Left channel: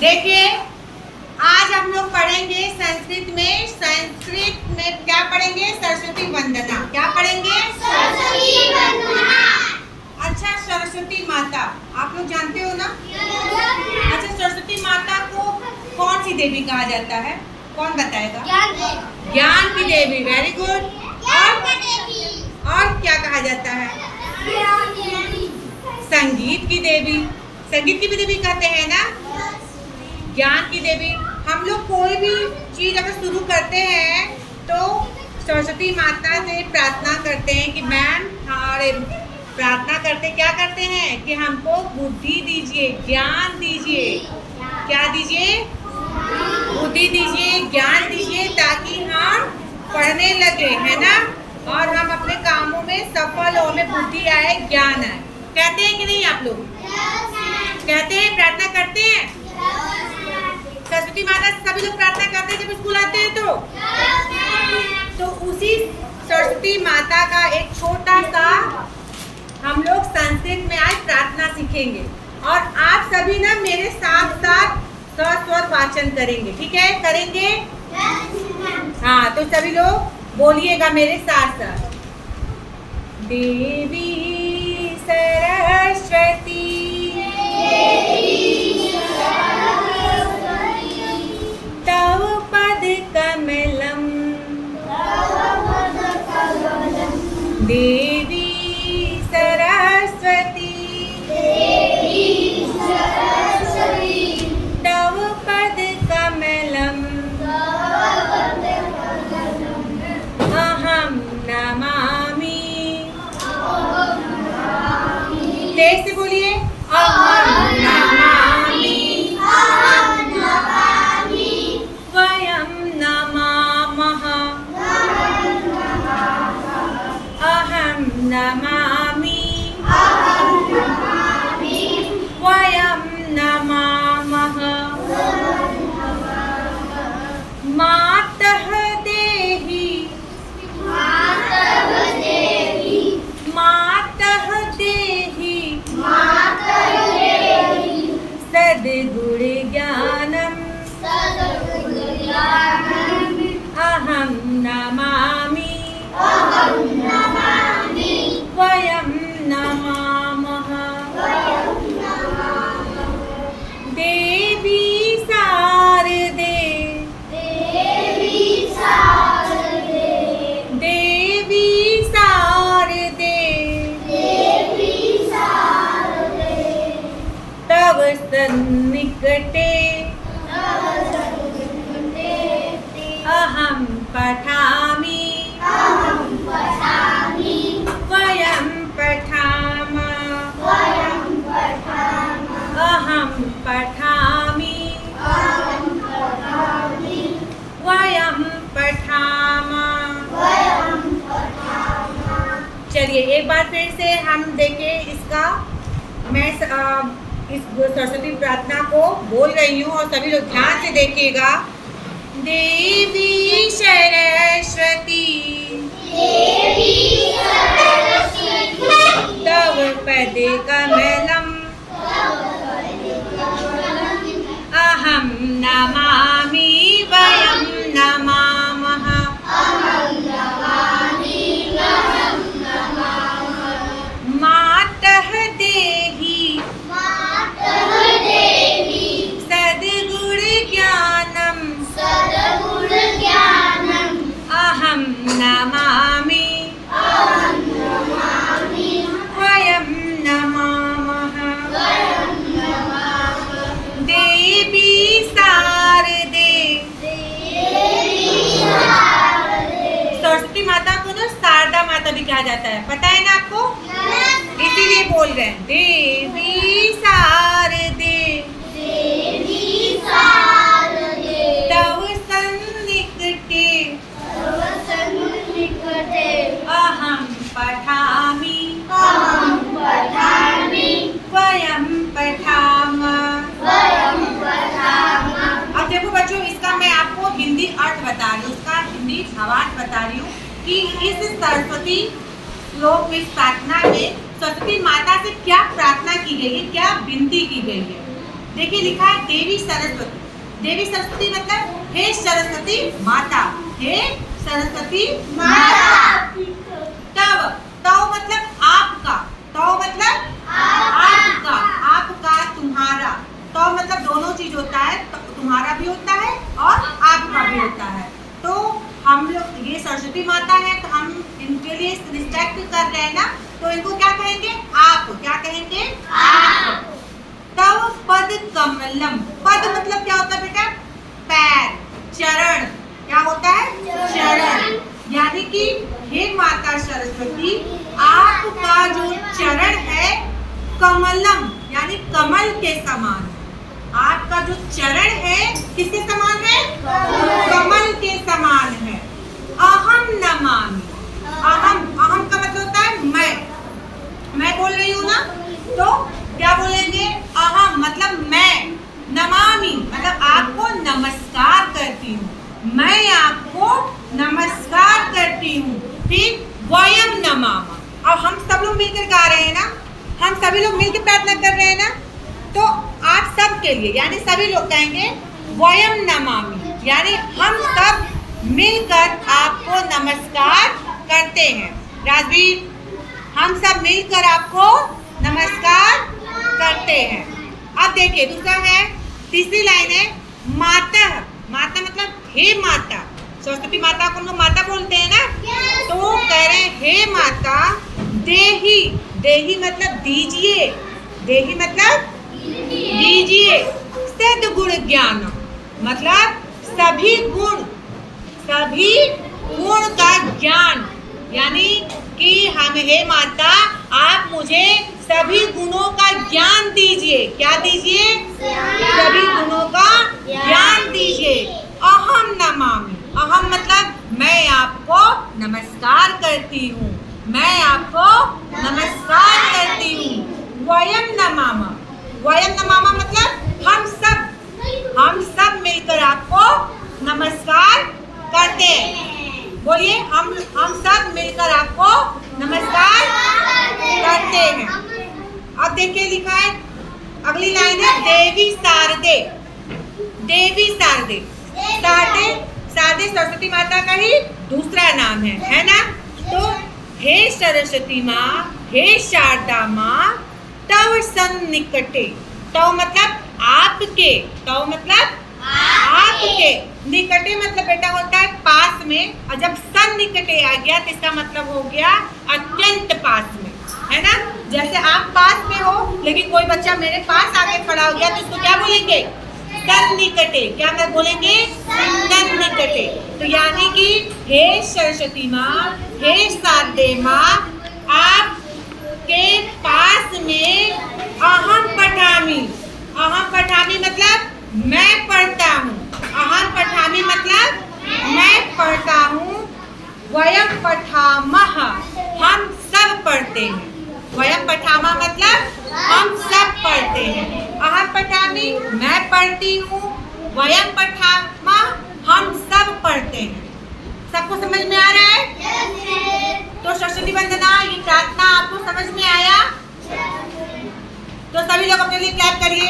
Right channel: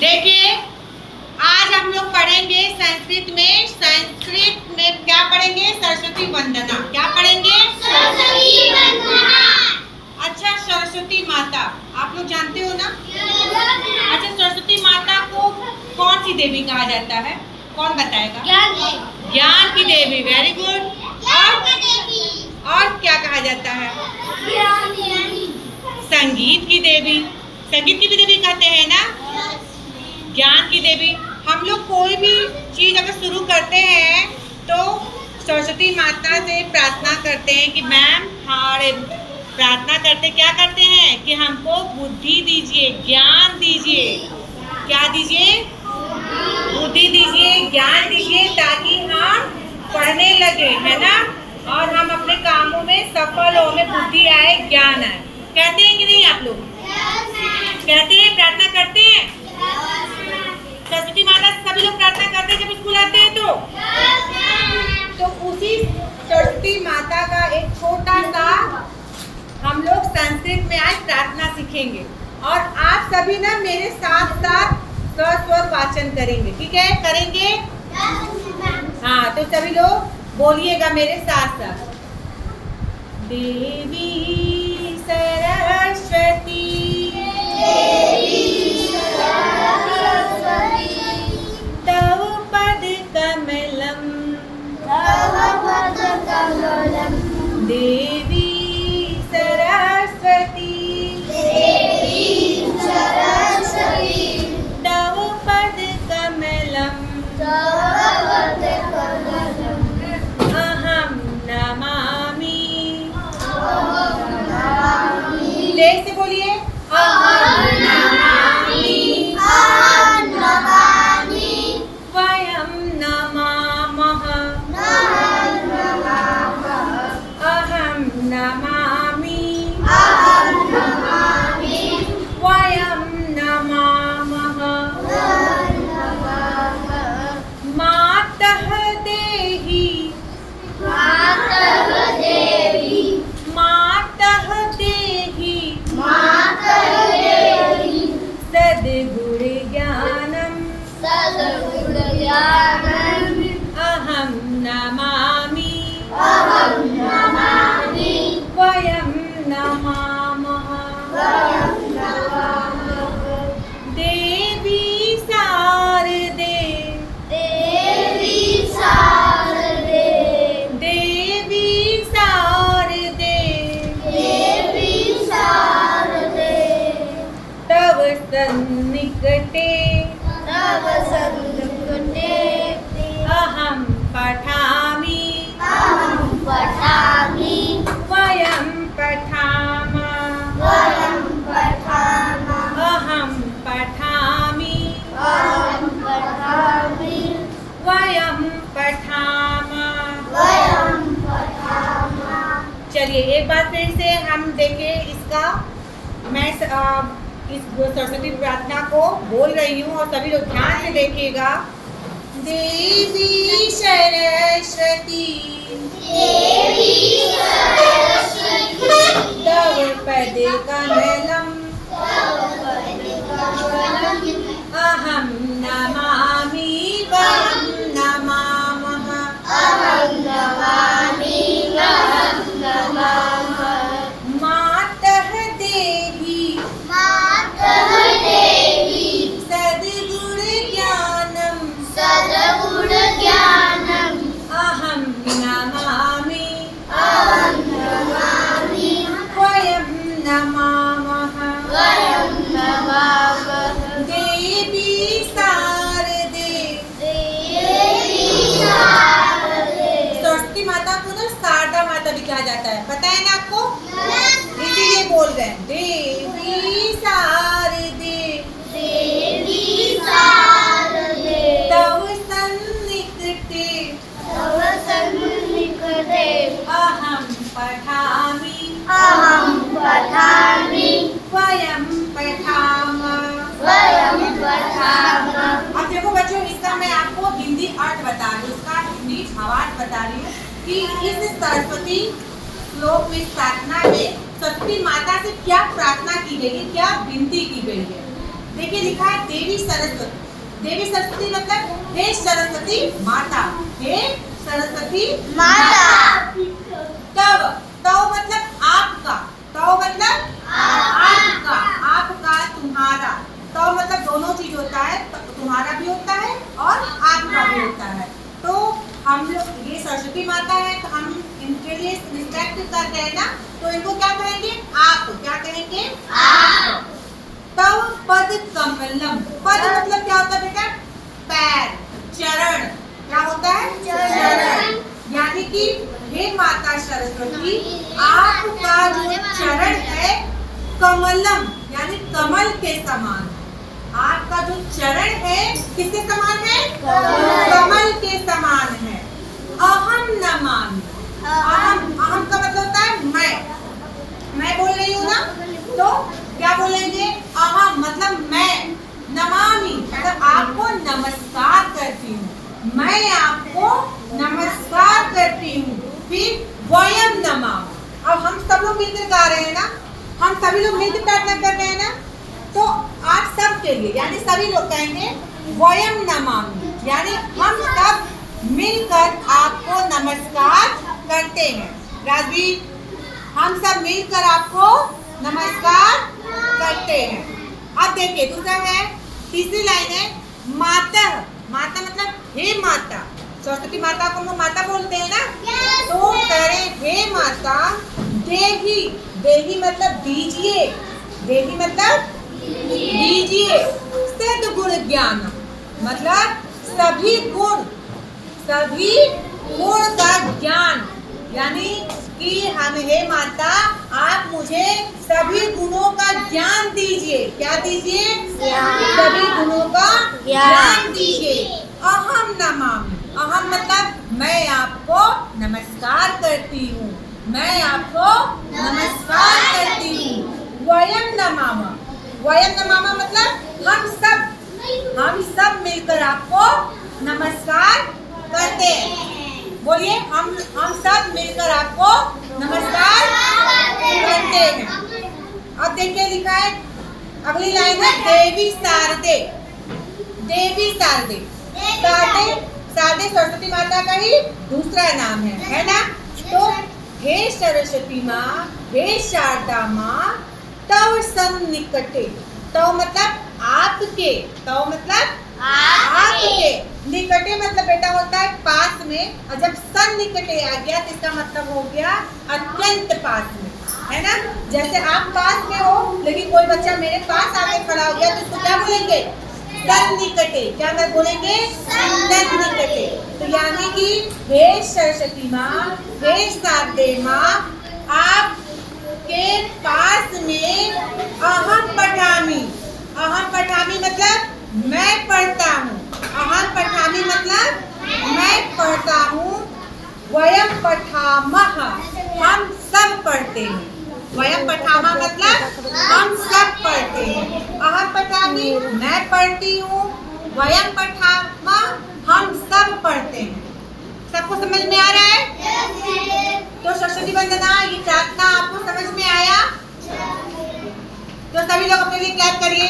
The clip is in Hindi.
देखिए, आज हम लोग पढ़ेंगे संस्कृत में। संस्कृत में क्या पढ़ेंगे? सरस्वती वंदना। क्या पढ़ेंगे? सरस्वती वंदना। अच्छा, सरस्वती माता आप लोग जानते हो ना? अच्छा, सरस्वती माता को कौन सी देवी कहा जाता है? कौन बताएगा? ज्ञान की देवी। Very good. और क्या कहा जाता है? संगीत की देवी। संगीत की भी देवी कहते हैं ना? ज्ञान की देवी। हम लोग कोई भी चीज अगर शुरू करते हैं तो सरस्वती माता से प्रार्थना करते हैं कि मैम हमारे प्रार्थना करते क्या करते हैं कि हमको बुद्धि दीजिए, ज्ञान दीजिए। क्या दीजिए? बुद्धि दीजिए, ज्ञान दीजिए, ताकि हम पढ़ने लगे, है ना, और हम अपने कामों में सफल हो, हमें बुद्धि आए, ज्ञान आए। कहते हैं कि नहीं आप लोग? कहते हैं, प्रार्थना करते हैं। सरस्वती माता से सभी लोग प्रार्थना करते हैं जब स्कूल आते हैं तो उसी सरस्वती माता का एक छोटा सा हम लोग संस्कृत में आज प्रार्थना सीखेंगे। और आप सभी ना मेरे साथ साथ स्वर वाचन करेंगे, ठीक है? करेंगे? हाँ, तो सभी लोग बोलिएगा मेरे साथ साथ। देवी सरस्वती तव पद कमलम, देवी सरस्वती तव पद कमलम अहम नमामि। तेज से बोलिए, अहम नमामि वयम नमामः अहम नमामि वयम नमामः मातः देहि सद्गुण ज्ञानम अहम नमामि वयम नमामः देवी शारदे तव सन्निकटे अहम पठामि वयं पठामः अहम पठामि वयं पठामः। चलिए एक बार फिर से हम देखें इसका। मैं इस सरस्वती प्रार्थना को बोल रही हूँ और सभी लोग ध्यान से देखिएगा। देवी सरस्वती तव पद कमलम अहम नमामि वयं नमामः मातः देहि सद्गुण ज्ञानम अहम नमामि वयं नमामः देवी शारदे। सरस्वती माता को ना शारदा माता भी कहा जाता है, पता है ना आपको? इसीलिए बोल रहे हैं देवी शारदे तव सन्निकटे अहम पठामि वयं पठामः। अब देखो बच्चों, इसका मैं आपको हिंदी अर्थ बता रही हूँ, इसका हिंदी भावार्थ बता रही हूँ कि इस सरस्वती श्लोक में प्रार्थना में सरस्वती माता से क्या प्रार्थना की गई है, क्या विनती की गई है। देखिए लिखा है देवी सरस्वती। देवी सरस्वती मतलब हे सरस्वती माता, हे सरस्वती माता। तव, तव मतलब आपका, तव मतलब आपका, आपका तुम्हारा। तव मतलब दोनों चीज होता है, तुम्हारा भी होता है और आपका भी होता है। तो हम लोग ये सरस्वती माता है तो हम इनके लिए रिस्पेक्ट कर रहे हैं ना, तो इनको क्या कहेंगे? आप। क्या कहेंगे? आप। तव पद कमलम, पद मतलब क्या होता है बेटा? पैर, चरण। क्या होता है? चरण। यानी कि हे माता सरस्वती, आपका जो चरण है कमलम यानी कमल के समान। आपका जो चरण है किसके समान है? कमल के समान है। अहम नमामि, अहम, अहम का मतलब होता है मैं बोल रही हूँ ना, तो क्या बोलेंगे? अहम मतलब मैं, नमामि मतलब आपको नमस्कार करती हूँ, मैं आपको नमस्कार करती हूँ। फिर वयम नमामः, अब हम सब लोग मिलकर गा रहे हैं ना, हम सभी लोग मिलकर प्रार्थना कर रहे हैं ना, तो आप सब के लिए यानी सभी लोग कहेंगे वयम नमामि, यानी हम सब मिलकर आपको नमस्कार करते हैं। राजवीर, हम सब मिलकर आपको नमस्कार करते हैं। अब देखिए दूसरा है, तीसरी लाइन है माता। माता मतलब हे माता, सरस्वती माता को हम लोग माता बोलते हैं ना, तो कह रहे हैं हे माता देही, देही मतलब दीजिए, देही मतलब दीजिए, सद्गुण ज्ञान मतलब सभी गुण का ज्ञान, यानी कि हम हे माता आप मुझे सभी गुणों का ज्ञान दीजिए। क्या दीजिए? सभी गुणों का ज्ञान दीजिए। अहम नमामि, अहम मतलब मैं आपको नमस्कार करती हूँ, मैं आपको नमस्कार करती हूँ। वयम नमामः, वयम नमामः मतलब हम सब मिलकर आपको नमस्कार करते हैं। बोलिए, हम सब मिलकर आपको नमस्कार करते हैं। अब देखिए लिखा है अगली लाइन है देवी शारदे। देवी शारदे, शारदे सरस्वती माता का ही दूसरा नाम है ना। तो हे सरस्वती माँ, हे शारदा माँ, तव सन्निकटे, तव मतलब आपके, तव मतलब आपके, निकटे मतलब बेटा होता है पास में, और जब सन्निकटे आ गया तो इसका मतलब हो गया अत्यंत पास में, है ना। जैसे आप पास में हो लेकिन कोई बच्चा मेरे पास आके खड़ा हो गया तो उसको क्या बोलेंगे? सन्निकटे। क्या मैं बोलेंगे? सन्निकटे। तो यानी कि हे सरस्वती माँ, हे शारदे माँ, आपके पास में अहम पठामि, अहम पठामि मतलब मैं पढ़ता हूँ, अहम पठामि मतलब मैं पढ़ता हूँ। वयम पठामः हम सब पढ़ते हैं, वयम पठामः मतलब हम सब पढ़ते हैं। अहम पठामि मैं पढ़ती हूँ, वयम पठामः हम सब पढ़ते हैं। सबको समझ में आ रहा है? तो सरस्वती वंदना ये प्रार्थना आपको समझ में आया? तो सभी लोग अपने लिए क्लैप करिए।